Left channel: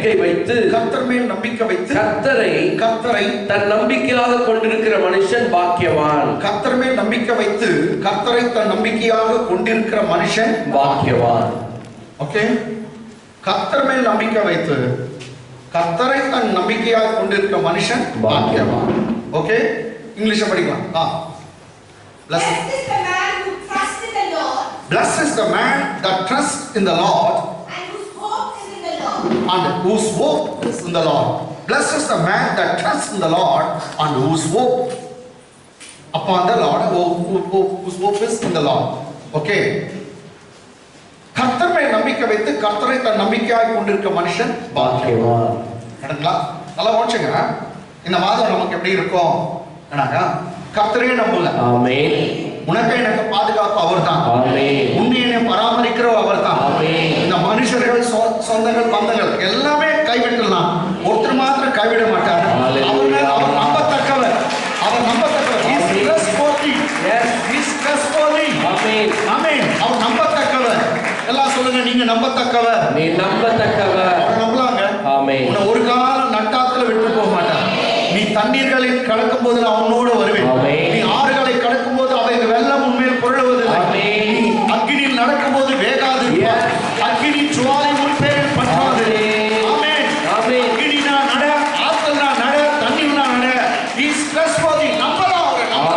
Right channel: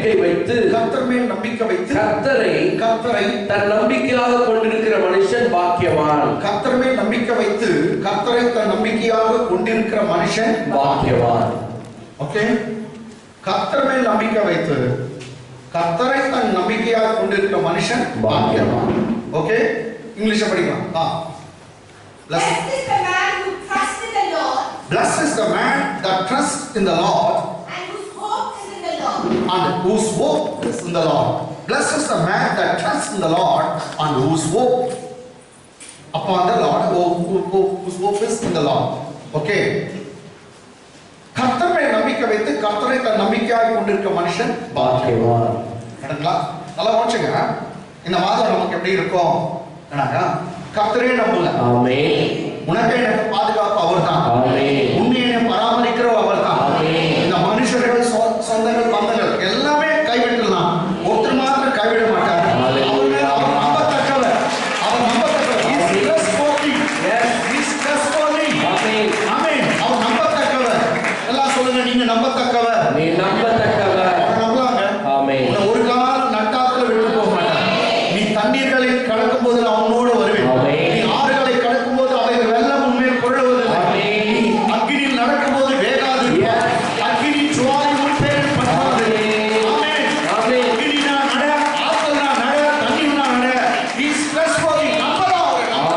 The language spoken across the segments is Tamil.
நம்பிக்கை வைத்து கர்த்தரை தன் நம்பிக்கையாக கொண்டிருக்கிற மனுஷன் பாக்கியவான். கர்த்தர் மேல் நம்பிக்கை வைத்து கர்த்தரை தன் நம்பிக்கையாக கொண்டிருக்கிற மனுஷன் பாக்கியவான். ஓகே, கர்த்தர் மேல் நம்பிக்கை வைத்து கர்த்தரை தன் நம்பிக்கையாக கொண்டிருக்கிற மனுஷன் பாக்கியவான். ஓகே, இங்கிலீஷ் படிக்கலாம். Blessed is the man that trusts in the Lord and whose hope is in the Lord. Blessed is the man that trusts in the Lord and whose hope upon the Lord, whose hope is in the Lord. Okay, கர்த்தர் மேல் நம்பிக்கை வைத்து கர்த்தரை தன் நம்பிக்கையாக கொண்டிருக்கிற மனுஷன் பாக்கியவான். நடங்களா? நல்லா வாட்சுங்க. இந்த மாதம் நமக்கு எப்படி இருக்கும்? கர்த்தரே நம்புங்க. ஆமென். உனக்கு எனக்கு பாதுகாப்பு அவர்தான். ஆமென். உன்னை பராமரிக்கிற அவர்தான். ஆமென். இந்த மனுஷர்கள் சொந்தங்கள் பந்தங்கள் எல்லாமே கைவிடலாம், ஒருத்தர் மாத்திரம் கைவிட மாட்டார். அவர் நம்பத்தக்கவர். அவர் நம்பத்தக்கவர். He is trustworthy. Yes, he is trustworthy. ஆமென். ஆமென். அவர் நம்பத்தக்கவர். எல்லாம் சொல்லுங்க, நீங்க நம்பத்தக்கவர். நீ நம்பத்தக்கவர். அவர் நம்பலாங்க. ஆமென். உன்னை ஒரு காலம் நட்டாத்துல விட்டு போக மாட்டார். நீ தண்ணீர்களில் கடக்கும் போது நான் உன்னோடு வருவேன். நீ ஆறுகளை கடக்கும் போது அவை வெள்ளம் உன்மேல் புரளுவதில்லை. நீ அக்கினியில் நடக்கும் போது வேகாது. அக்கினி ஜுவாலை உன் பேரில் பற்றாது. ஆமென். ஆமென். அக்கினினா நட, ஆத்தல்னா நட, தண்ணீர்னா நட. நீ ஸ்ட்ரெஸ் போதி நம்பலாம்.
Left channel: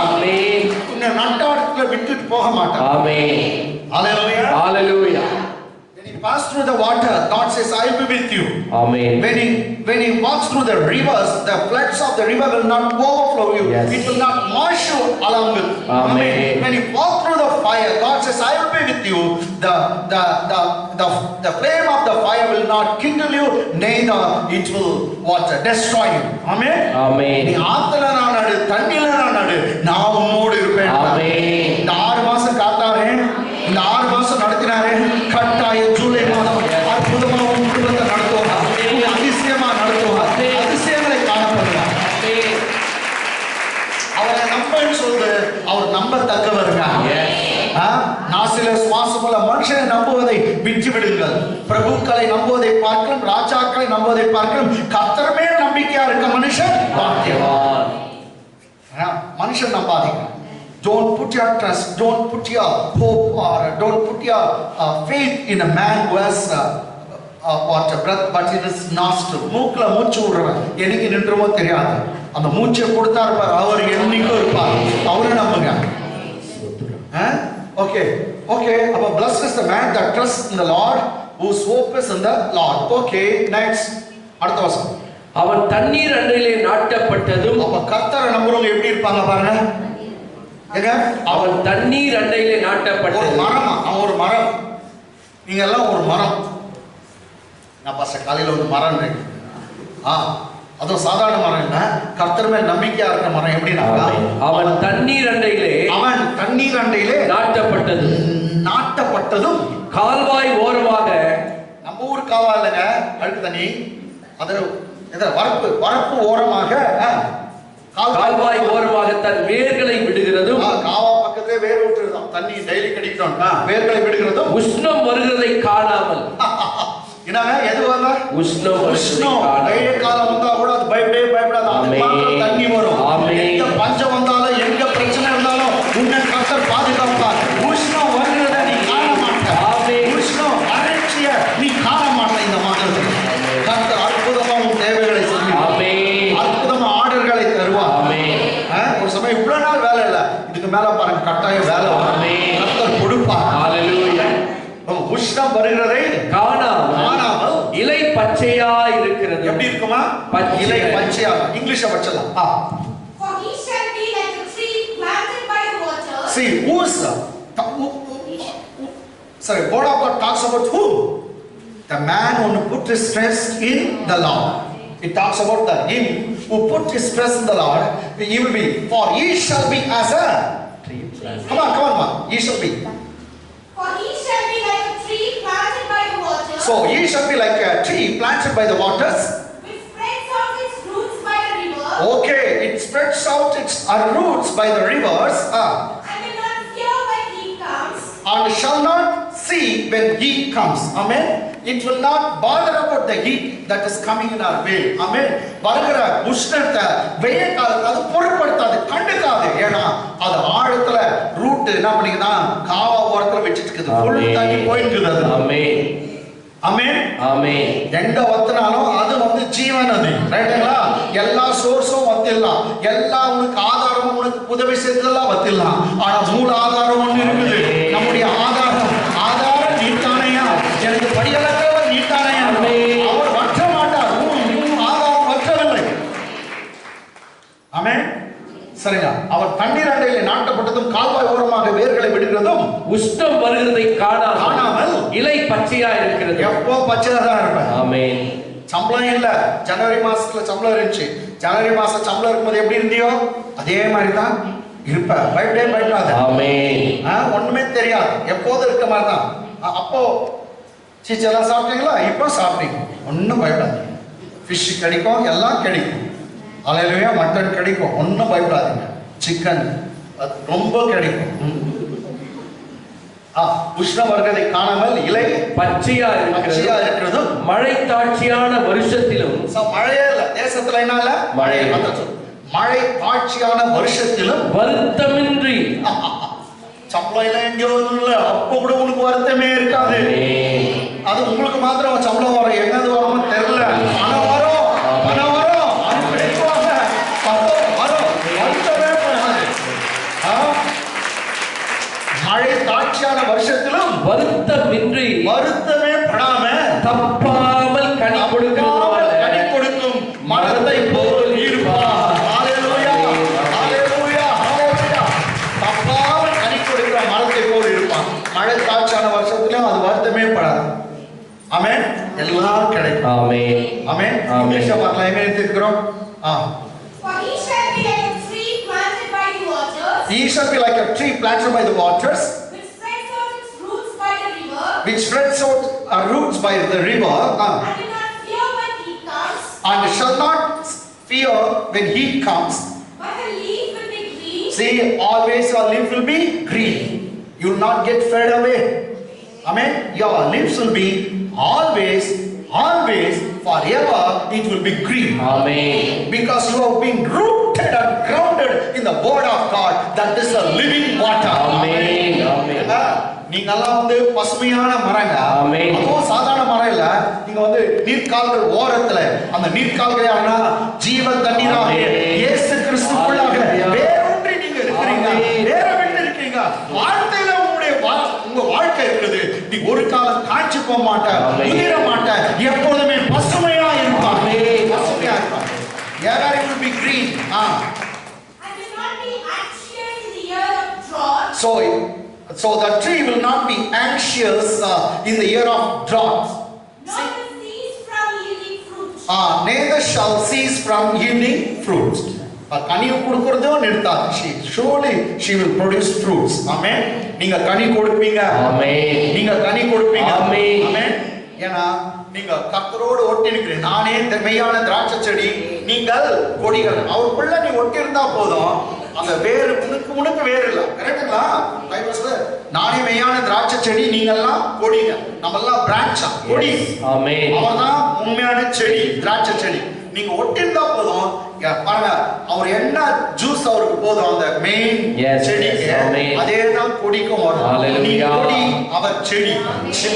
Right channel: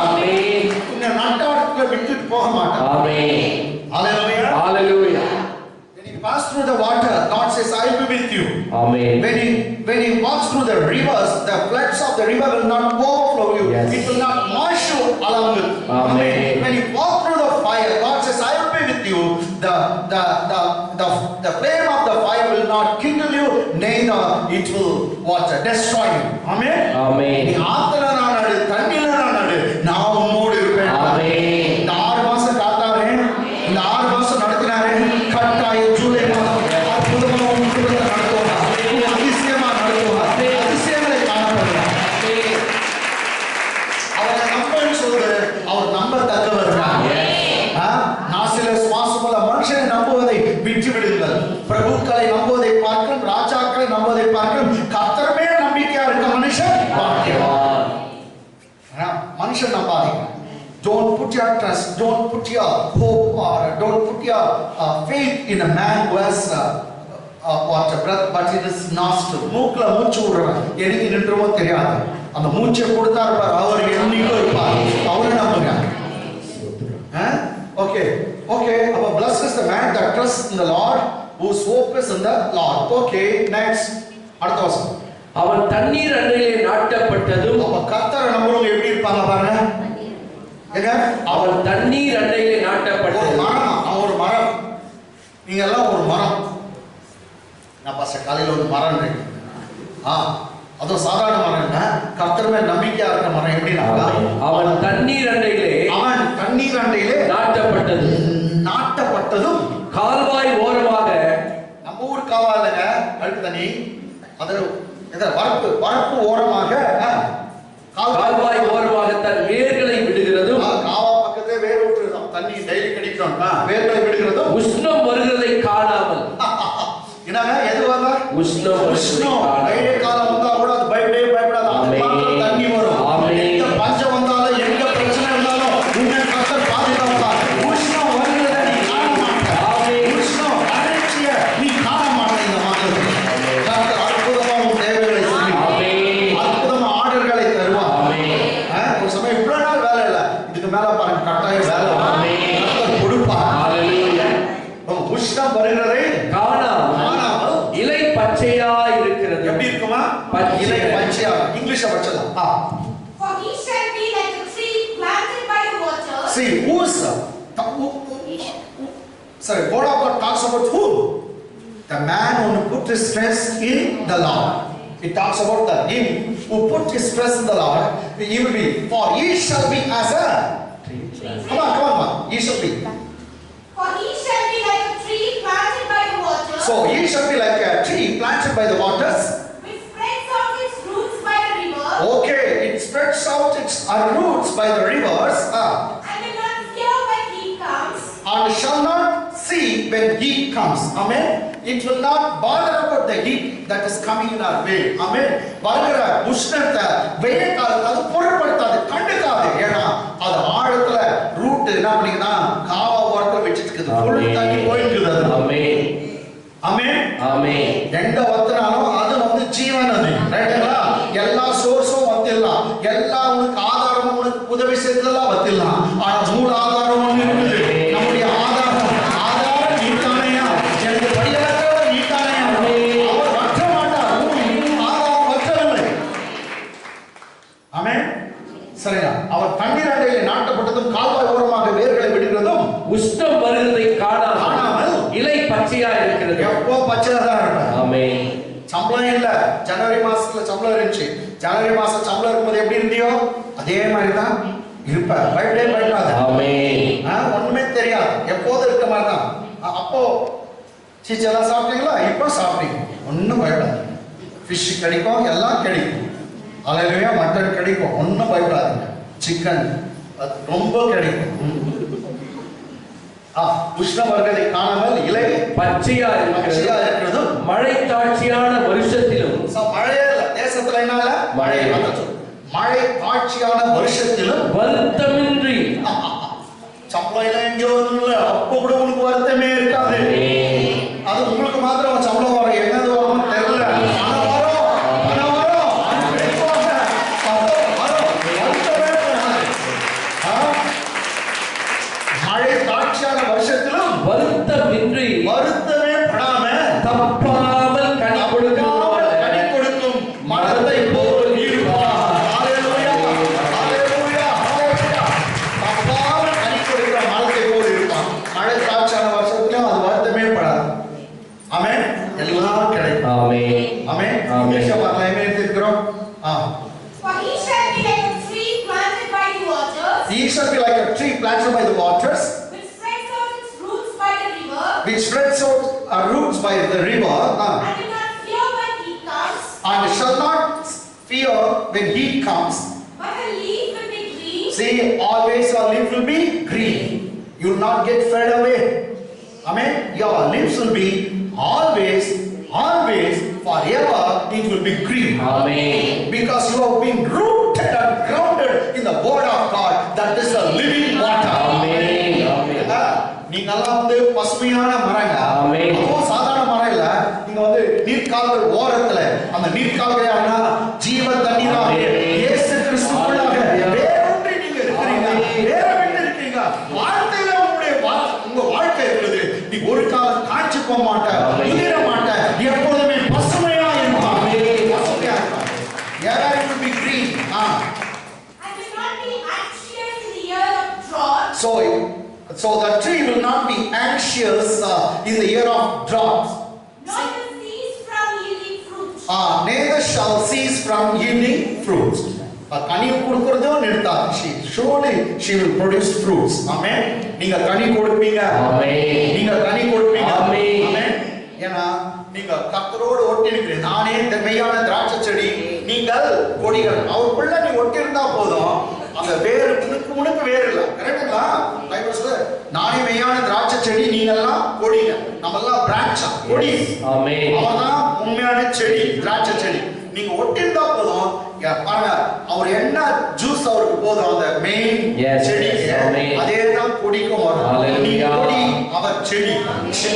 ஆமென். உன்னை நட்டாடத்துல விட்டுட்டு போக மாட்டார். ஆமென். ஹalleluya. ஹalleluya. Pass through the water, God says, I will be with you. Amen. When he walks through the rivers, the floods of the river will not overflow you. Yes. It will not wash you along with. Amen. When you walk through the fire, God says, I will be with you. The flame of the fire will not kindle you, neither it will destroy you. Amen. Amen. நீ ஆத்துல நான் நடு, தண்ணில நான் நடு, நான் உன்னோடு இருப்பேன். Amen. இந்த 6 மாசம் காத்தாரே, இந்த 6 மாசம் நடத்தினாரே, கட்டாய ஜூலை மாதம் அற்புதமாக உன் குடும்பத்தை நடத்துவார். அதிசயமா நடத்துவார். அதிசயங்களை காணப்படுவார். அவரை நம்பன்னு சொல்லுது. அவர் நம்பத்தக்கவருங்க. நாசில சுவாசமுள்ள மனுஷனை நம்புவதை விட்டு விடுங்கள். பிரபுக்களை நம்புவதை பார்க்கணும், ராஜாக்களை நம்புவதை பார்க்கணும். கர்த்தர் மேல் நம்பிக்கையா இருக்க மனுஷன் பாக்கியவான். மனுஷன் நம்பாதீங்க. Don't put your trust, don't put your hope, or don't put your faith in a man who has breath, but it is nostril. மூக்குல மூச்சு விடுறவன் எனக்கு நின்றுமோ தெரியாது. அந்த மூச்சை கொடுத்தாரு பார், அவர் என்னைக்கும் இருப்பார். அவரை நம்புங்க. Okay, okay. அப்ப blessed is the man that trusts in the Lord, whose hope is in the Lord. Okay, next. அடுத்த வசனம். அவன் தண்ணீர் அண்டையிலே நாட்டப்பட்டதும். அப்ப கர்த்தரை நம்புறவங்க எப்படி இருப்பாங்க பாருங்க. அவன் தண்ணீர் அண்டையிலே நாட்டப்பட்ட ஒரு மரம். அவன் ஒரு மரம். நீங்க எல்லாம் ஒரு மரம். நான் பாச காலையில ஒரு மரம் இருக்கு. அதுவும் சாதாரண மரம் இல்ல, கர்த்தர் மேல் நம்பிக்கையா இருக்க மரம். எப்படின்னா அவன் தண்ணீர் அண்டையிலே நாட்டப்பட்டதும் கால்வாய் ஓரமாக. நம்ம ஊர் காவா இல்லைங்க, அழுக்கு தண்ணி. அது வரப்பு ஓரமாக, கால்வாய் ஓரமாக தன் வேர்களை விடுகிறதும். காவா பக்கத்திலே வேர் விட்டுறதும், தண்ணி டெய்லி கிடைக்கிறோம், வேர்களை விடுகிறதும். உஷ்ணம் வருகிறதை காணாமல். என்னங்க எது வரல? உஷ்ணம். டெய்லி காலம் வந்தா கூட அது பயப்படாது. தண்ணி வரும். எங்க பஞ்சம் வந்தாலும், எங்க பிரச்சனை இருந்தாலும் உன்னை கர்த்தர் பாதுகாப்பார். உஷ்ணம் வருகிறத நீ காண மாட்ட. உஷ்ணம் வறட்சிய நீ காண மாட்ட. இந்த மாதத்தில் கர்த்தர் அற்புதமா உன் தேவைகளை சொல்லி அற்புதமா ஆர்டர்களை தருவார். ஒரு சமயம் இவ்வளவு நாள் வேலை இல்லை, இதுக்கு மேல பாருங்க கட்டாயம் வேலை கர்த்தர் கொடுப்பார். உஷ்ணம் வருகிறதை காணாமல் இலை பச்சையா இருக்கிறது. எப்படி இருக்குமா? இலை பச்சையா. இங்கிலீஷ்ல படிச்சலாம். For he shall be like a tree planted by the water. See, sorry, God of God talks about who? The man who put his trust in the Lord. It talks about him who put his trust in the Lord. He will be. For he shall be as a tree. Come on. He shall be. For he shall be like a tree planted by the water. So he shall be like a tree planted by the waters. Which spreads out its roots by the river. Okay, it spreads out its roots by the rivers. And will not fear when heat comes. And shall not see when heat comes. Amen. it will not bother about the heat that is coming in our way. Amen. வருகிற உஷ்ணத்தை வெயில் காலத்துல அது பொருட்படுத்தாது, கண்டுக்காது. ஏன்னா அது ஆழத்துல ரூட் என்ன பண்ணிக்குதா, காவா ஓரத்துல வச்சிட்டு இருக்குது, ஃபுல் தண்ணி போயிட்டு இருக்குது. ஆமென் ஆமென் ஆமென். எங்க வத்தினாலும் அது வந்து ஜீவன் நதி, ரைட்டுங்களா? எல்லா சோர்ஸும் வத்திடலாம், எல்லா உனக்கு ஆதாரமும் உனக்கு உதவி செய்ததெல்லாம் வத்திடலாம். ஆனா மூல ஆதாரம் ஒண்ணு இருக்குது. நம்முடைய ஆதாரம் நீட்டானையா, எனக்கு படியலற்றவர் நீட்டானையா, அவர் வற்ற மாட்டார். ஆதாரம் வற்றவில்லை. ஆமென். சரியா? அவர் தண்ணீர் அண்டையில் நாட்டப்பட்டதும் கால்வாய் ஓரமாக வேர்களை விடுகிறதும் உஷ்ணம் வருகிறதை காணாமல் இலை பச்சையா இருக்கிறது. எப்போ பச்சையா தான் இருப்பேன். ஆமென். சம்பளம் இல்ல, ஜனவரி மாசத்துல சம்பளம் இருந்துச்சு. ஜனவரி மாசம் சம்பளம் இருக்கும்போது எப்படி இருந்தியோ அதே மாதிரி தான் இருப்ப. பயப்படாத. ஆமென். ஒண்ணுமே தெரியாது, எப்போதும் இருக்க மாதிரி தான். அப்போ சீச்செல்லாம் சாப்பிட்டீங்களா? இப்போ சாப்பிட்டீங்க, ஒன்றும் பயப்படாது. ஃபிஷ் கிடைக்கும், எல்லாம் கிடைக்கும். அல்லேலூயா. மட்டன் கிடைக்கும், ஒன்றும் பயப்படாதீங்க. சிக்கன் ரொம்ப கிடைக்கும். உஷ்ணம் வருவதை காணாமல் இலை பச்சையா இருக்கிறது. மழை தாட்சியான வருஷத்திலும், மழையே இல்ல தேசத்துல, என்ன இல்ல மழை, மழை தாட்சியான வருஷத்திலும் வருத்தமின்றி. சம்பளம் இல்லை, எங்கேயோ இல்லை, அப்போ கூட உனக்கு வருத்தமே இருக்காது. அது உங்களுக்கு மாத்திரம் சம்பளம் வரும், என்னது வரும் தெரியல, ஆனா வரும். மழை தாட்சியான வருஷத்திலும் வருத்தமே படாம தப்பாமல் கனி கொடுக்கும் மரத்தை போல் இருப்பார். ஹalleluya ஹalleluya ஹalleluya. தப்பாமல் கனி கொடுக்கிற மரத்தை போல் இருப்பான். மழை தாட்சியான வருஷத்திலும் அது வருத்தமே படாது. ஆமென். எல்லாம் கிடைக்கும். ஆமென் ஆமென். இங்கிலீஷ்ல பார்க்கலாம், என்ன எடுத்துக்கிறோம்? For he shall be like a tree planted by the waters. He shall be like a tree planted by the waters, which spreads out its roots by the river. Which spreads out roots by the river. And do not fear when heat comes. And shall not fear when heat comes. But the leaf will be green. See, always your leaf will be green. You will not get fed away. Amen. Your leaves will be always, forever. It will be green. Amen. Because you have been rooted and grounded in the word of God. That is the living water. Amen. நீங்க எல்லாம் வந்து பசுமையான மரங்க. அதுவும் சாதாரண மரம் இல்ல. நீங்க வந்து நீர்க்கால்கள் ஓரத்துல அந்த நீர்க்கால்களான ஜீவ தண்ணீராக இயேசு கிறிஸ்துவுக்குள்ளாக வேரூன்றி நீங்க இருக்கிறீங்க, வேற விட்டு இருக்கீங்க. வாழ்க்கையில உங்க வாழ்க்கை இருக்குது. நீ ஒரு காலம் காய்ச்சி போக மாட்ட, உதிர மாட்ட, எப்பொழுதுமே பசுமையா இருப்பாங்க. பசுமையா இருப்பாங்க. Ever it will be green. And will not be anxious in the year of drought. So the tree will not be anxious in the year of drought. Nor will cease from yielding fruit. Neither shall cease from yielding fruits. Ghani கொடுக்கிறதோ நிறுத்தாது. Surely she will produce fruits. Amen. நீங்க கனி கொடுப்பீங்க. Amen. நீங்க கனி கொடுப்பீங்க. Amen. ஏன்னா நீங்க கர்த்தரோடு ஒட்டி இருக்கிறீங்க. நானே மெய்யான திராட்சை செடி, நீங்கள் கொடிகள். அவருக்குள்ள நீ ஒட்டி இருந்தா போதும். அந்த வேறு உனக்கு வேறு இல்ல. கரெக்ட்டுங்களா? பைபிள் சொல்லுது, நானே மெய்யான திராட்சை செடி, நீங்க எல்லாம் கொடிங்க. நம்ம எல்லாம் பிரான்ச்சா, கொடி. ஆமென். அவர்தான் உண்மையான செடி, திராட்சை செடி. நீங்க ஒட்டி இருந்தா போதும். பாருங்க, அவர் என்ன ஜூஸ் அவருக்கு போதும், அந்த மெயின் செடிக்கு அதே தான் கொடிக்கும் வரும். நீ கொடி, அவர் செடி.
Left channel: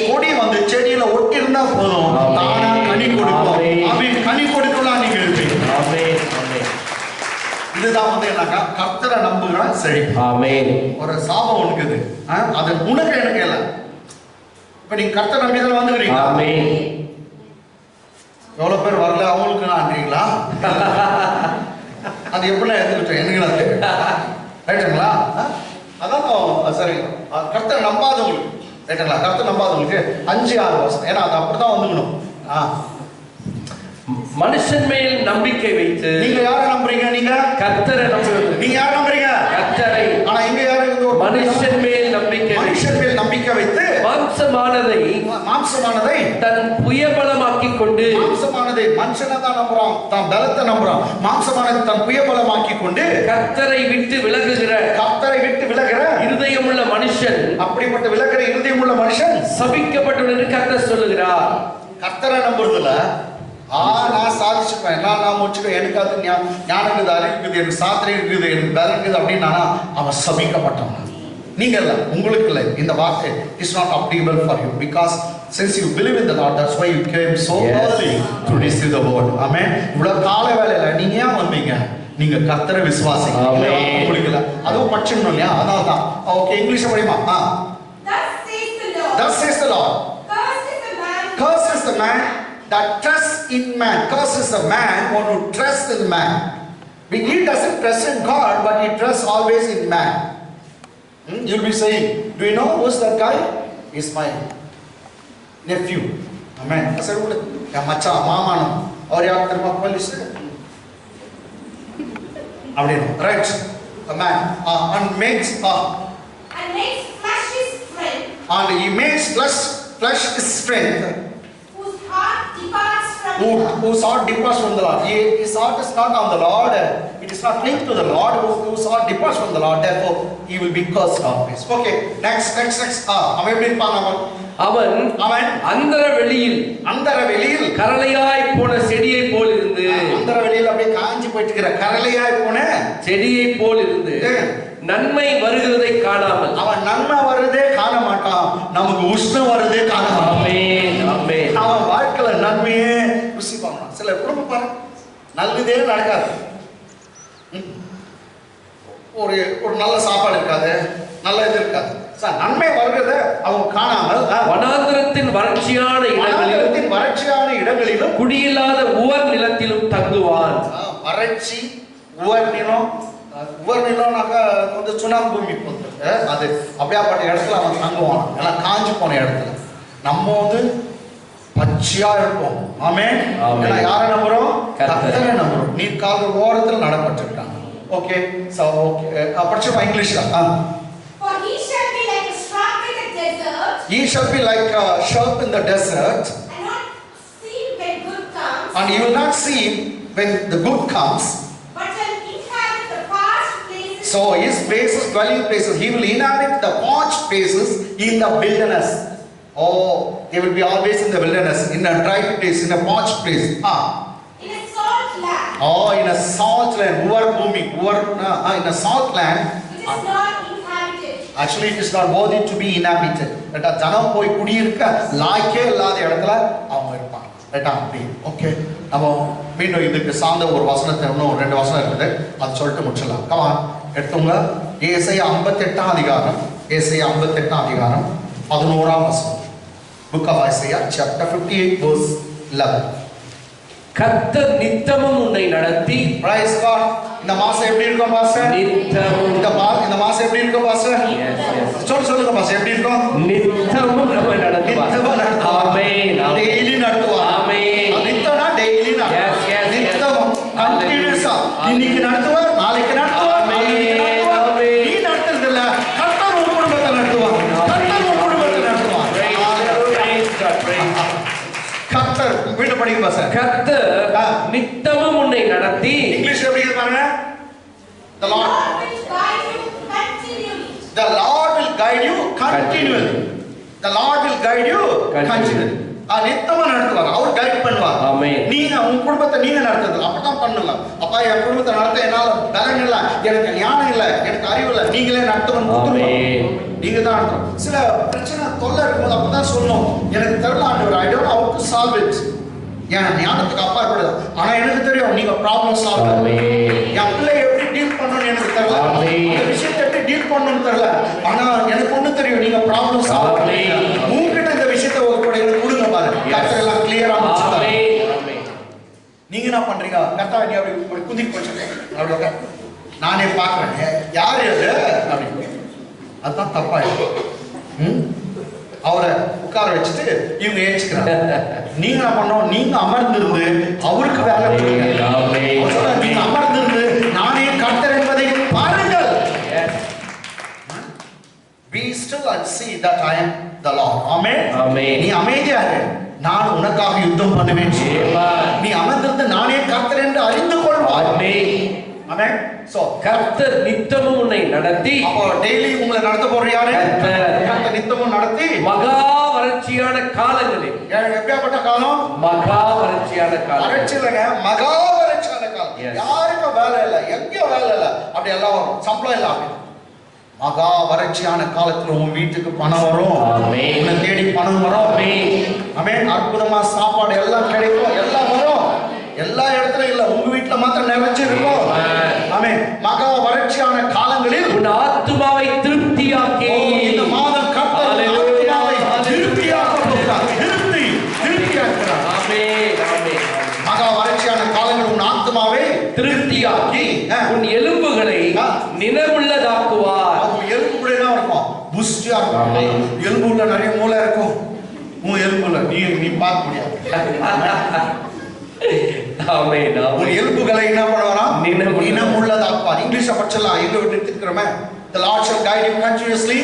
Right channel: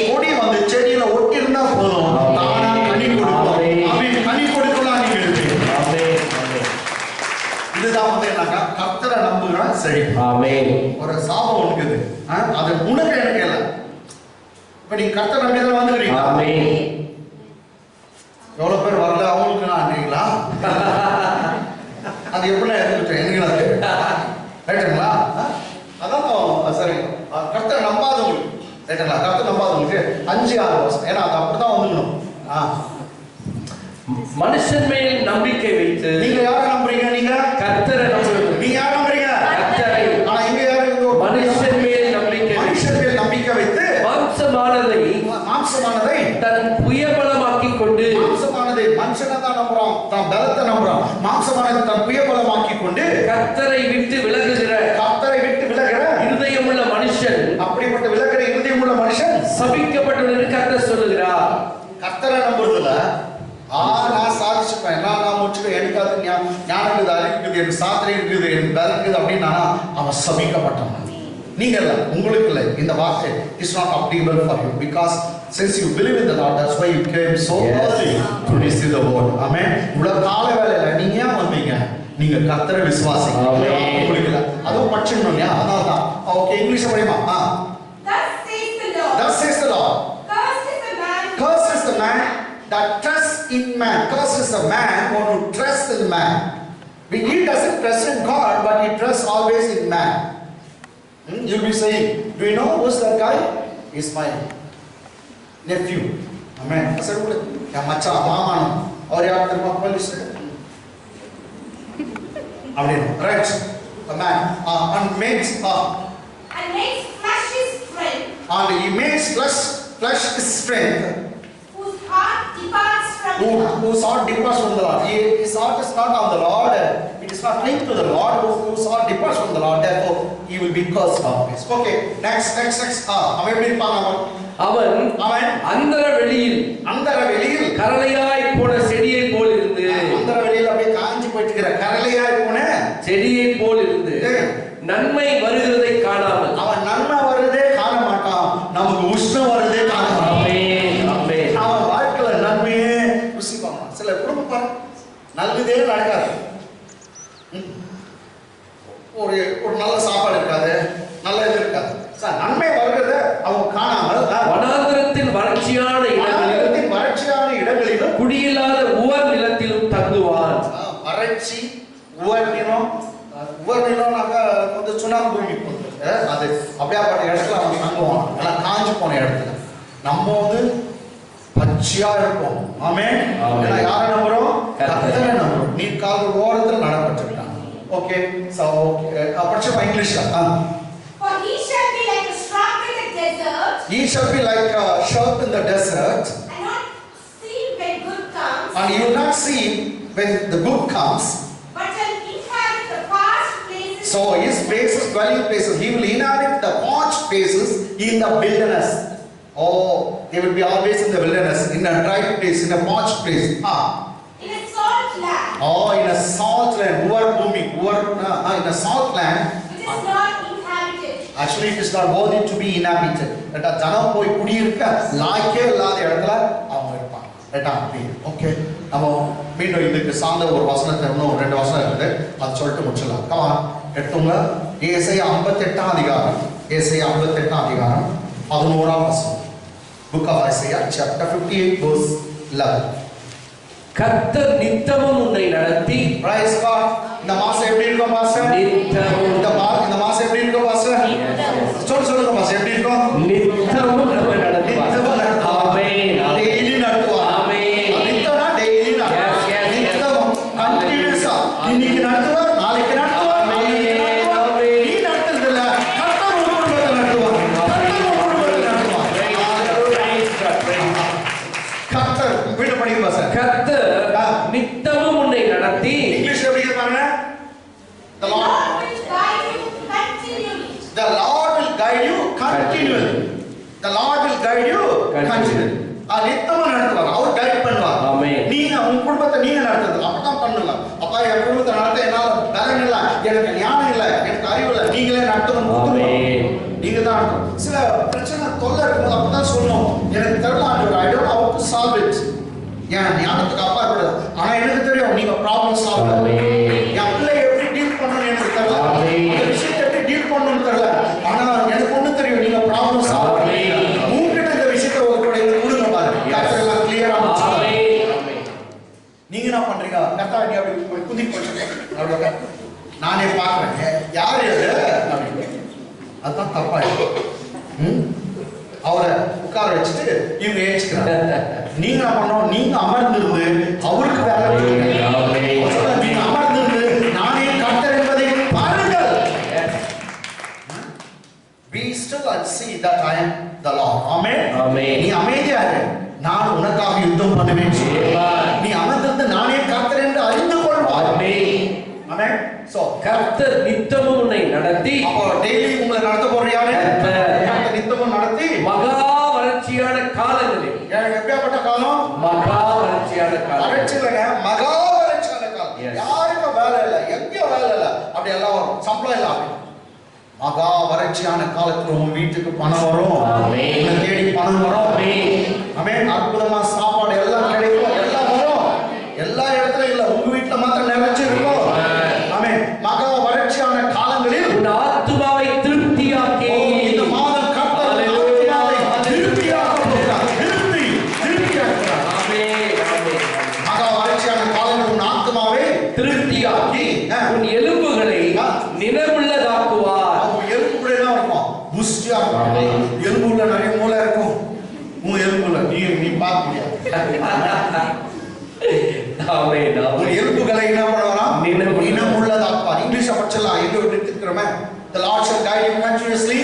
கொடி வந்து செடியில ஒட்டி இருந்தா போதும், தானா கனி கொடுக்கும். ஆமென். கனி கொடுக்கலாம் நீங்க இருப்பீங்க. ஆமென். இதுதான் வந்து என்னக்கா கர்த்தரை நம்புகிற செடி. ஆமென். ஒரு சாபம் உனக்குது, அது உனக்கு எனக்கு இல்ல. இப்ப நீங்க கர்த்தரை நம்பி தான் வந்துக்கிறீங்க. ஆமென். எவ்வளவு பேர் வரல அவங்களுக்கு நான்றீங்களா? அது எப்படி எடுத்துக்கிட்டேன் எனக்கு ரைட்டுங்களா? அதான் சரி. கர்த்தரை நம்பாதவங்களுக்கு ரைட்டுங்களா? கர்த்தரை நம்பாதவங்களுக்கு 5-6 வருஷம், ஏன்னா அது அப்படிதான் வந்துக்கணும். மனுஷன் மேல் நம்பிக்கை வைத்து. நீங்க யாரை நம்புறீங்க? நீங்க கர்த்தரை நம்புறீங்க. நீங்க யாரை நம்புறீங்க? கர்த்தரை. ஆனா இங்க யாரு? மனுஷன் மேல் நம்பிக்கை வைத்து மாம்சமானதை தன் புயபலமாக்கிக் கொண்டு மாம்சமானதை மனுஷனை தான் நம்புறான், தான் பலத்தை நம்புறான். மாம்சமானது தன் புயபலமாக்கி கொண்டு கர்த்தரை விட்டு விலகுகிற இருதயமுள்ள மனுஷன், அப்படிப்பட்ட விலகிற இருதயமுள்ள மனுஷன் சபிக்கப்பட்டவன் என்று கர்த்தர் சொல்லுகிறார். கர்த்தரை நம்புறதுல நான் சாதிச்சுப்பேன், நான் முடிச்சுப்பேன், எனக்கு அது ஞானம் இருக்குது, அறிவு இருக்குது, எனக்கு சாத்திரை இருக்குது, எனக்கு பலம் இருக்குது அப்படின்னா அவன் சபிக்கப்பட்டவன். நீங்க இல்ல, உங்களுக்கு இல்லை. இந்த வார்த்தை is not applicable for you because since you believe in the Lord, that's why you came so early to receive the word. Amen. இவ்வளவு கால வேளையில நீங்க ஏன் வந்தீங்க? நீங்க கர்த்தரை விசுவாசிங்க. உங்களுக்கு இல்ல, அதுவும் படிச்சிடணும் இல்லையா? அதனால தான். ஓகே, இங்கிலீஷ் படிமா. Thus says the Lord. Cursed is the man that trusts in man. Cursed is the man who trusts in man. He doesn't trust in God, but he trusts always in man. You'll be saying, do you know who's that guy? He's my nephew. Amen. I said, ya macha mama no. Aur yaar terma police. Right. The man and makes flesh his strength. And he makes flesh his strength. Whose heart departs from the Lord. His heart is not on the Lord. It is not linked to the Lord. Whose heart departs from the Lord. Therefore, he will be cursed always. Okay. Next. அவன் எப்படி இருப்பான்? அவன் அந்தர வெளியில் கரளையாய் போன செடியை போல் இருந்து, அந்தர வெளியில் அப்படியே காஞ்சி போயிட்டு இருக்கிற கரளையாய் போன செடியை போல் இருந்து நன்மை வருகிறதை காணாமல், அவன் நன்மை வருதே காண மாட்டான், நமக்கு உஷ்ணம் வருதே காண மாட்டான். அவன் வாழ்க்கையில நன்மையே ருசி பார்க்கலாம். சில குடும்பம் பாரு, நல்லதே நடக்காது. ஒரு நல்ல சாப்பாடு இருக்காது, நல்ல இது இருக்காது. நன்மை வருகிறத அவன் காணாமல் வனாந்திரத்தின் வறட்சியான இடங்களிலும் குடியில்லாத உவர் நிலத்திலும் தங்குவான். வறட்சி, உவர் நிலம், உவர் நிலம்னாக்கா கொஞ்சம் சுனாமி பூமி போகுது, அது அப்படியாப்பட்ட இடத்துல அவன் தங்குவான். எல்லாம் காஞ்சி போன இடத்துல. நம்ம பச்சையா இருப்போம். ஆமென். ஏன்னா யாரை நம்புறோம்? கர்த்தரை நம்புறோம். நீ கால் ஓரத்தில் நடப்பட்டிருக்கான். ஓகே, சோ ஓகே, படிச்சுமா இங்கிலீஷ்ல. For he shall be like a shrub in the desert. He shall be like a shrub in the desert. And not see when good comes. And you will not see when the good comes. But shall inhabit the parched places. So his places, dwelling places, he will inhabit the parched places in the wilderness. Oh, they will be always in the wilderness, in a dry place, in a parched place. In a salt land. Oh, in a salt land. In a salt land. Which is not inhabited. Actually, it is not worthy to be inhabited. ஜனம் போய் குடியிருக்க லாய்க்கே இல்லாத இடத்துல அவங்க இருப்பாங்க. அப்படி. ஓகே, நம்ம மீண்டும் இதுக்கு சார்ந்த ஒரு வசனத்தை, இன்னும் 2 வசனம் இருக்குது, அது சொல்லிட்டு முடிச்சிடலாம். கமான், எடுத்துங்க. ஏசாயா 58 அதிகாரம், 11 வசனம். Book of Isaiah, chapter 58, verse 11. கர்த்தர் நித்தமும் உன்னை நடத்தி. Praise God. இந்த மாசம் எப்படி இருக்கும் பாஸ்டர்? நித்தமும். இந்த மாசம் எப்படி இருக்கும் பாஸ்டர்? சொல்லுங்க பாஸ்டர், எப்படி இருக்கும்? நித்தமும் நம்ம நடத்துவார். ஆமென். டெய்லி நடத்துவார். ஆமென். நித்தம்னா டெய்லி நடத்துவார். நித்தமும் கண்டினியூஸா இன்னைக்கு நடத்துவார், நாளைக்கு நடத்துவார், நாளைக்கு நடத்துவார். நீ நடத்துறது இல்ல, கர்த்தர் உன் குடும்பத்தை நடத்துவார். கர்த்தர் வீட்டு படிக்க பாஸ்டர். கர்த்தர் நித்தமும் உன்னை நடத்தி. இங்கிலீஷ் எப்படி பாருங்க. The Lord will guide you continually. The Lord will guide you continually. The Lord will guide you continually. நித்தமா நடத்துவார், அவர் கைட் பண்ணுவார். நீங்க உங்க குடும்பத்தை நீங்க நடத்துறது அப்பதான் பண்ணலாம். அப்பா என் குடும்பத்தை நடத்த என்னால பலன் இல்ல, எனக்கு ஞானம் இல்ல, எனக்கு அறிவு இல்ல, நீங்களே நடத்தணும். நீங்க தான் நடத்தணும். சில பிரச்சனை தொல்லை இருக்கும்போது அப்பதான் சொல்லணும், எனக்கு தெரியல ஆண்டவர், I don't know how to solve it. என் ஞானத்துக்கு அப்பா இருப்பது, ஆனா எனக்கு தெரியும் நீங்க ப்ராப்ளம் சால்வ் பண்ணுவீங்க. என் பிள்ளை எப்படி டீல் பண்ணணும்னு எனக்கு தெரியல, இந்த விஷயத்தை எப்படி டீல் பண்ணணும்னு தெரியல, ஆனா எனக்கு ஒண்ணு தெரியும், நீங்க ப்ராப்ளம் சால்வ் பண்ணுவீங்க. உங்ககிட்ட இந்த விஷயத்தை ஒரு கொடுங்க பாருங்க, கர்த்தர் எல்லாம் கிளியரா முடிச்சுட்டாரு. நீங்க என்ன பண்றீங்க? கர்த்தர் நீ அப்படி குதி போச்சு, நானே பாக்குறேன் யாரு அது அப்படின்னு, அதுதான் தப்பா இருக்கு. அவரை உட்கார வச்சுட்டு இவங்க ஏச்சுக்கிறாங்க. நீங்க என்ன பண்ணணும்? நீங்க அமர்ந்திருந்து அவருக்கு வேலை கொடுங்க. நீங்க அமர்ந்திருந்து நானே கர்த்தர் என்பதை பாருங்கள். Be still and see that I am the Lord. Amen. நீ அமைதியா இரு, நான் உனக்காக யுத்தம் பண்ணுவேன். Amen. நீ அமர்ந்திருந்து நானே கர்த்தர் என்று அறிந்து கொள்வாய். Amen. ஆமென். சோ கர்த்தர் நித்தமும் உன்னை நடத்தி, அப்போ டெய்லி உங்களை நடத்த போற யாரு? கர்த்தர் நித்தமும் நடத்தி மகா வறட்சியான காலங்களில், எப்படியாப்பட்ட காலம்? மகா வறட்சியான காலம், வறட்சி இல்லைங்க, மகா வறட்சியான காலம். Yes. யாருக்கும் வேலை இல்லை, எங்கேயும் வேலை இல்லை, அப்படி எல்லாம் வரும், சம்பளம் இல்லாம. மகா வறட்சியான காலத்துல உன் வீட்டுக்கு பணம் வரும். ஆமென். உன்னை தேடி பணம் வரும். ஆமென். ஆமென். அற்புதமா சாப்பாடு எல்லாம் கிடைக்கும், எல்லாம் வரும். எல்லா இடத்துலயும் இல்ல, உங்க வீட்டுல மாத்திரம் நிறைஞ்சு இருக்கும். ஆமென். மகா வறட்சியான காலங்களில் உன் ஆத்துமாவை திருப்தியாக்கி, இந்த மாதம் கர்த்தர் ஆத்துமாவை திருப்தியாக்க போகிறார். திருப்தியாக்குகிறார். ஆமென். ஆமென். மகா வறட்சியான காலங்களில் உன் ஆத்துமாவை திருப்தியாக்கி உன் எலும்புகளை நினைவுள்ளதாக்குவார். அவங்க எலும்பு கூட என்ன இருக்கும்? புஷ்டியா இருக்கும். எலும்புல நிறைய மூளை இருக்கும். உன் எலும்புல நீ பார்க்க முடியாது. ஆமென். உன் எலும்புகளை என்ன பண்ணுவாராம்? நினைவுள்ளதாக்குவார். இங்கிலீஷ் படிச்சலாம், எங்க விட்டு இருக்கிறோமே. The Lord shall guide you continuously.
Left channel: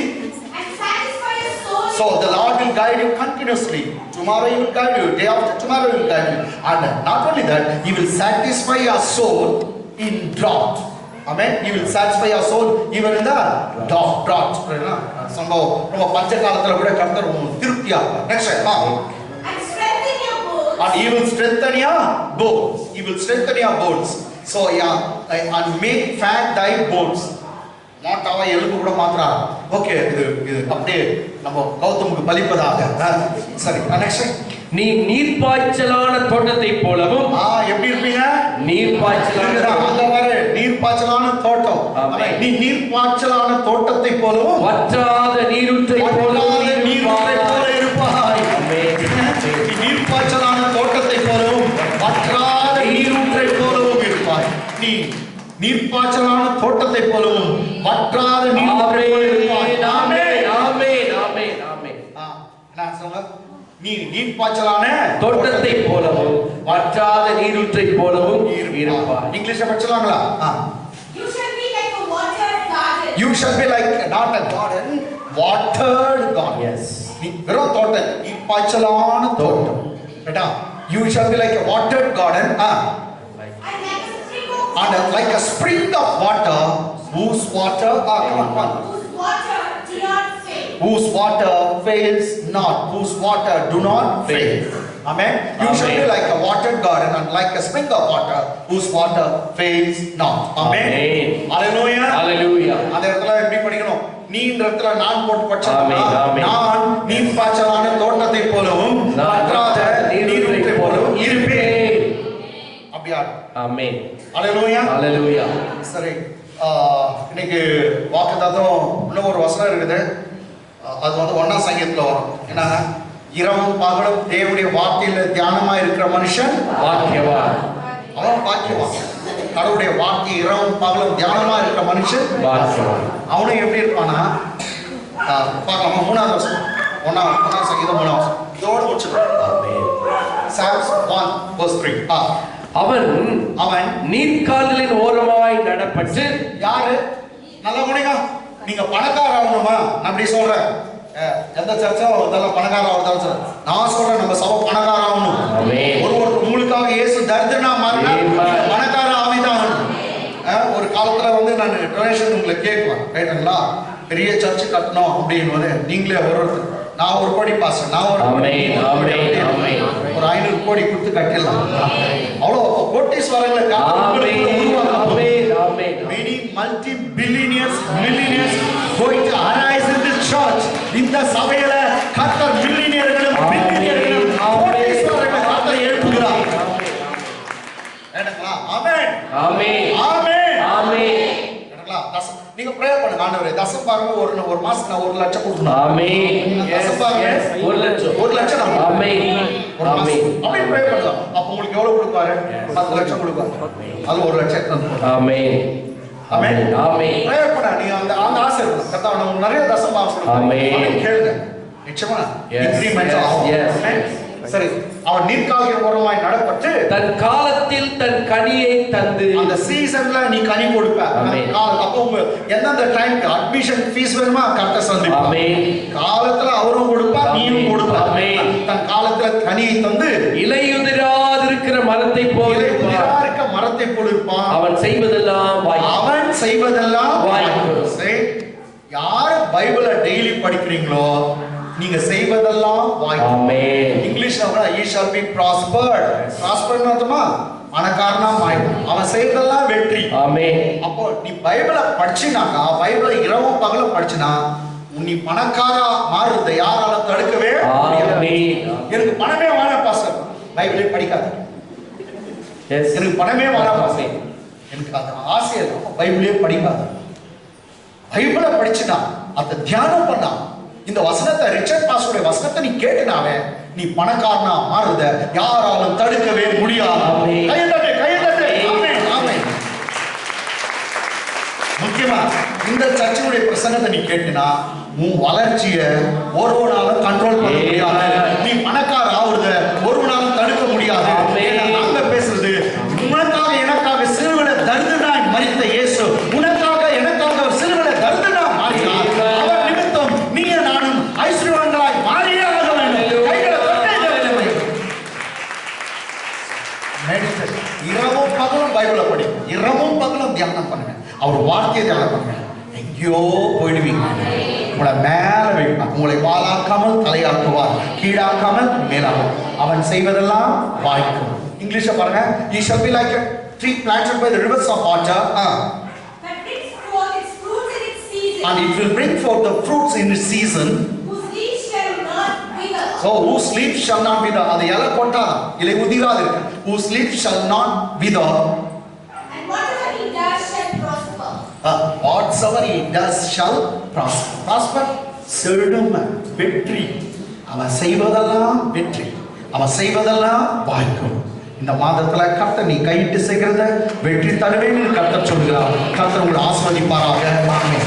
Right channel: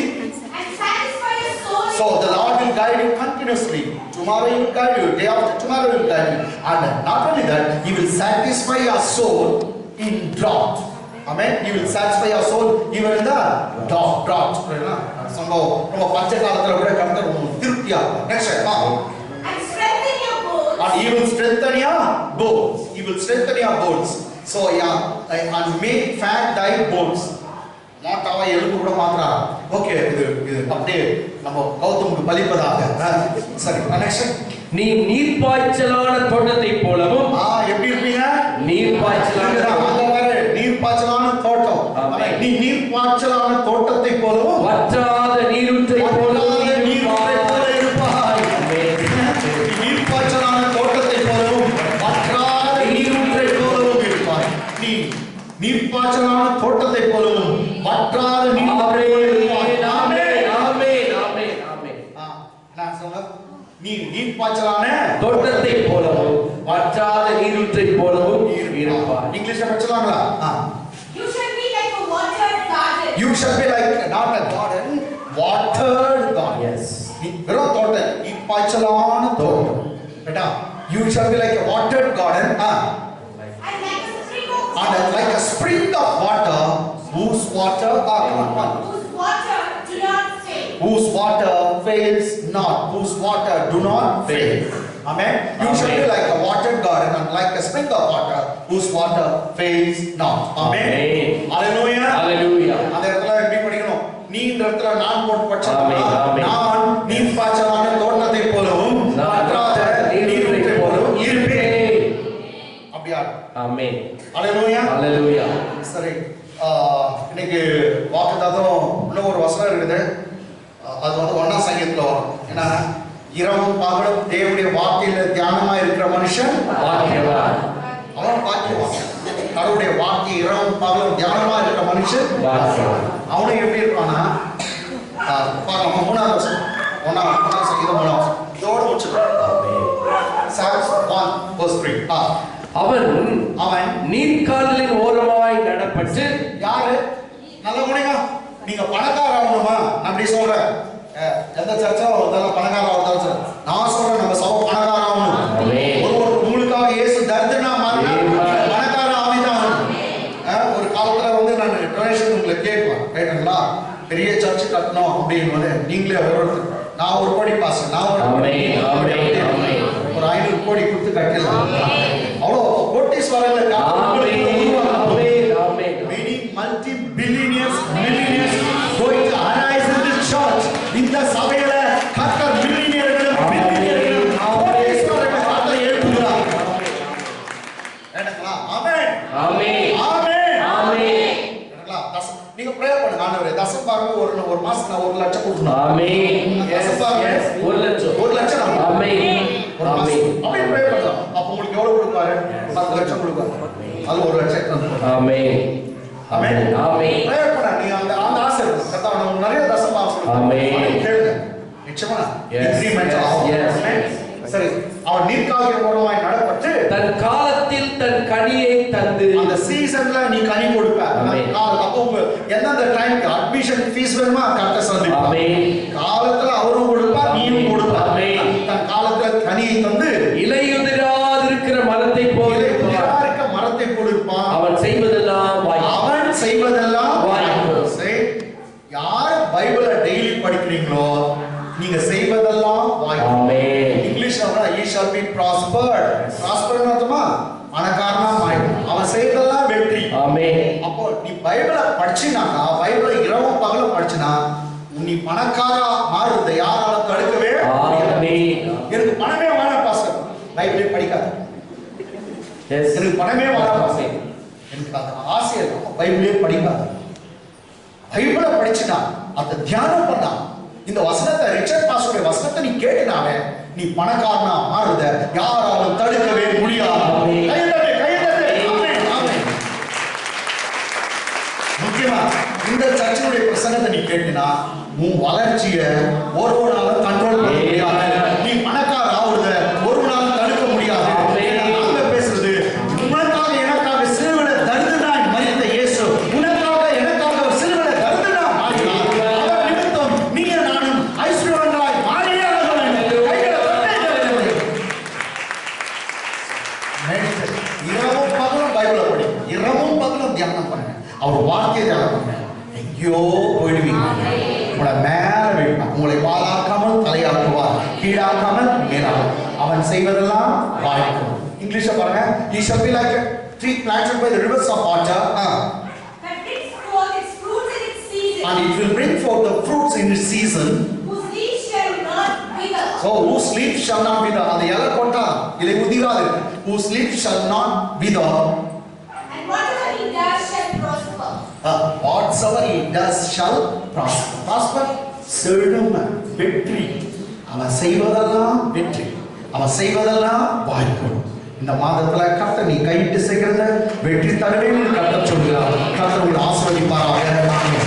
And satisfy your soul. So the Lord will guide you continuously. Tomorrow he will guide you. Day after tomorrow he will guide you. And not only that, he will satisfy your soul in drought. Amen. He will satisfy your soul even in the drought. சம்பவம் ரொம்ப பஞ்ச காலத்துல கூட கர்த்தர் திருப்தியா. Next. And strengthen your bones. And he will strengthen your bones. He will strengthen your bones. So yeah, and make fat thy bones. மாட்டாவா எலும்பு கூட மாத்துறாரு. ஓகே, இது அப்படியே நம்ம கௌதமுக்கு பலிப்பதாக. சரி, நெக்ஸ்ட். நீ நீர்ப்பாய்ச்சலான தோட்டத்தை போலவும், எப்படி இருப்பீங்க? நீர்ப்பாய்ச்சலான அங்க வர நீர்ப்பாய்ச்சலான தோட்டம். நீ நீர்ப்பாய்ச்சலான தோட்டத்தை போலவும் வற்றாத நீரூற்றை போலவும் இருப்பாய். நீ நீர்ப்பாய்ச்சலான தோட்டத்தை போலவும் வற்றாத நீரூற்றை போலவும் இருப்பாய். நீ நீர்ப்பாய்ச்சலான தோட்டத்தை போலவும் வற்றாத நீரூற்றை போலவும் இருப்பாய். ஆமென். ஆமென். ஆமென். ஆமென். நான் சொல்ல, நீ நீர்ப்பாய்ச்சலான தோட்டத்தை போலவும் வற்றாத நீரூற்றை போலவும் இருப்பாய். இங்கிலீஷ்ல படிச்சலாங்களா? You shall be like a watered garden. You shall be like not a garden, watered garden. Yes. நீ வெறும் தோட்டம், நீர்ப்பாய்ச்சலான தோட்டம். கேட்டா? You shall be like a watered garden. And like a spring of water, whose water Whose water do not fail. whose water fails not, whose water do not fail. Amen. You shall be like a watered garden and like a spring of water, whose water fails not. Amen. Hallelujah. Hallelujah. அந்த இடத்துல எப்படி படிக்கணும்? நீன்ற இடத்துல நான் போட்டு படிச்சா, ஆமென். நான் நீர்ப்பாய்ச்சலான தோட்டத்தை போலவும் வற்றாத நீரூற்றை போலவும் இருப்பேன். அப்படியா? ஆமென். Hallelujah. Hallelujah. சரி, இன்னைக்கு வாக்குத்தத்தம் இன்னும் ஒரு வசனம் இருக்குது. அது வந்து 1ஆம் சங்கீதத்துல வரும். என்ன? இரவும் பகலும் தேவனுடைய வார்த்தையில தியானமா இருக்கிற மனுஷன் பாக்கியவான். அவன் பாக்கியவான். கடவுளுடைய வார்த்தை இரவும் பகலும் தியானமா இருக்கிற மனுஷன் பாக்கியவான். அவனும் எப்படி இருப்பானா? பார்க்கலாமா? 3ஆவது வசனம். 1ஆம் சங்கீதம் 3ஆம் வசனம். இதோடு முடிச்சிடலாம். Psalms 1:3. அவன் நீர்க்கால்களின் ஓரமாய் நடப்பட்டு. யாரு? நல்ல முடியுங்க. நீங்க பணக்கார ஆகணுமா? நான் அப்படி சொல்றேன். எந்த சர்ச்சும் அதெல்லாம் பணக்கார ஆகுது. நான் சொல்றேன், நம்ம சபை பணக்கார ஆகணும். ஒருவர் உங்களுக்காக இயேசு தரித்திரனா மாறினா பணக்கார ஆவிதான். ஒரு காலத்துல வந்து நான் டொனேஷன் உங்களை கேட்குவேன், ரைட்டுங்களா? பெரிய சர்ச்சு கட்டணும் அப்படின்னு நீங்களே ஒருத்தர், நான் ஒரு கோடி பாஸ், நான் ஒரு 500 கோடி கொடுத்து கட்டிடலாம். அவ்வளோ கோட்டீஸ்வரங்களை many multi-billionaires, millionaires going to arise in this church. இந்த சபையில கர்த்தர் மில்லியனர்களும் பில்லியனர்களும் கோட்டீஸ்வரர்களை கர்த்தர் எழுப்புகிறார். ஏனங்களா? ஆமென். ஆமென். ஆமென். ஆமென். ஏனங்களா? நீங்க பிரேயர் பண்ணுங்க, ஆண்டவரே தசம் பாருங்க, ஒரு மாசம் நான் 1 லட்சம் கொடுக்கணும். ஆமென். தசம் பாருங்க 1 லட்சம். ஆமென். ஆமென். அப்படியே பிரேயர் பண்ணுங்க. அப்ப உங்களுக்கு எவ்வளவு கொடுப்பாரு? 10 லட்சம் கொடுப்பாரு. அது 1 லட்சம் எடுத்து. ஆமென். ஆமென். ஆமென். பிரேயர் பண்ண நீங்க அந்த ஆசை இருக்கு. கர்த்தர் உங்களுக்கு நிறைய தசம் பாவம் ஆமென். கேளுங்க. நிச்சயமா இன்கிரிமென்ட் ஆகும். சரி, அவன் நீர்க்கால்களின் ஓரமாய் நடப்பட்டு தன் காலத்தில் தன் தன் கனியை தந்து அந்த சீசன்ல நீ கனி கொடுப்ப. ஆமென். அப்போ எந்தெந்த டைம்க்கு அட்மிஷன் ஃபீஸ் வேணுமா கரெக்டா சந்திப்பா. ஆமென். காலத்துல அவரும் கொடுப்பா நீயும் கொடுப்பா. ஆமென். தன் காலத்துல கனியை தந்து இலையுதிராதிருக்கிற மரத்தை போல இருக்க மரத்தை போல இருப்பான். அவன் செய்வதெல்லாம் வாய்க்கும். அவன் செய்வதெல்லாம் வாய்க்கும். சரி, யார் பைபிளை டெய்லி படிக்கிறீங்களோ நீங்க செய்வதெல்லாம் வாய்க்கும். ஆமென். இங்கிலீஷ்ல கூட he shall be prospered. prospered அர்த்தமா பணக்காரனா மாறிடும். அவன் செய்வதெல்லாம் வெற்றி. ஆமென். அப்போ நீ பைபிளை படிச்சினாக்கா, பைபிளை இரவும் பகலும் படிச்சினா நீ பணக்காரா மாறுறத யாரால தடுக்கவே முடியாது. ஆமென். எனக்கு பணமே வேணாம் பாஸ்டர், பைபிளே படிக்காத. எஸ். எனக்கு பணமே வேணாம் பாஸ்டர், எனக்கு அந்த ஆசை இல்லை, பைபிளே படிக்காத. பைபிளை படிச்சுனா அதை தியானம் பண்ணா இந்த வசனத்தை ரிச்சர்ட் பாஸ்டருடைய வசனத்தை நீ கேட்டுனாவே நீ பணக்காரனா மாறுறத யாராலும் தடுக்கவே முடியாது. கையெழுத்து. ஆமென், ஆமென். முக்கியமா இந்த சர்ச்சினுடைய பிரசங்கத்தை நீ கேட்டினா உன் வளர்ச்சியை ஒருவனாலும் கண்ட்ரோல் பண்ண முடியாது. நீ பணக்கார ஆகுறத ஒருவனாலும் தடுக்க முடியாது. நாங்க பேசுறது உனக்காக எனக்காக சிலுவையில தரித்திரனாய் மரித்த இயேசு உனக்காக எனக்காக சிலுவையில தரித்திரனாய் மாறினார். அவர் நிமித்தம் நீ நானும் ஐஸ்வர்யவான்களாய் மாறியே ஆக வேண்டும். கைகளை தட்டி இரவும் பகலும் பைபிளை படி, இரவும் பகலும் தியானம் பண்ணுங்க. அவர் வார்த்தையை தியானம் பண்ணுங்க. எங்கேயோ போயிடுவீங்க. உங்களை மேல வைப்பார். உங்களை வாளாக்காமல் தலையாக்குவார், கீழாக்காமல் மேலாக்குவார். அவன் செய்வதெல்லாம் வாய்க்கும். இங்கிலீஷ்ல பாருங்க. He shall be like a tree planted by the rivers of water. That brings forth its fruits in its season. And it will bring forth the fruits in its season. Whose leaves shall not wither. So whose leaf shall not wither. அது இலை கொட்டா இலை உதிராது. Whose leaf shall not wither. And whatever he does shall prosper. Whatsoever he does shall prosper. Prosper செல்லும் வெற்றி. அவன் செய்வதெல்லாம் வெற்றி. அவன் செய்வதெல்லாம் வாய்க்கும். இந்த மாதத்துல கர்த்தர் நீ கையிட்டு செய்கிறத வெற்றி தருவேன்னு கர்த்தர் சொல்கிறார். கர்த்தர் உங்களை ஆசீர்வதிப்பாராக. ஆமென்.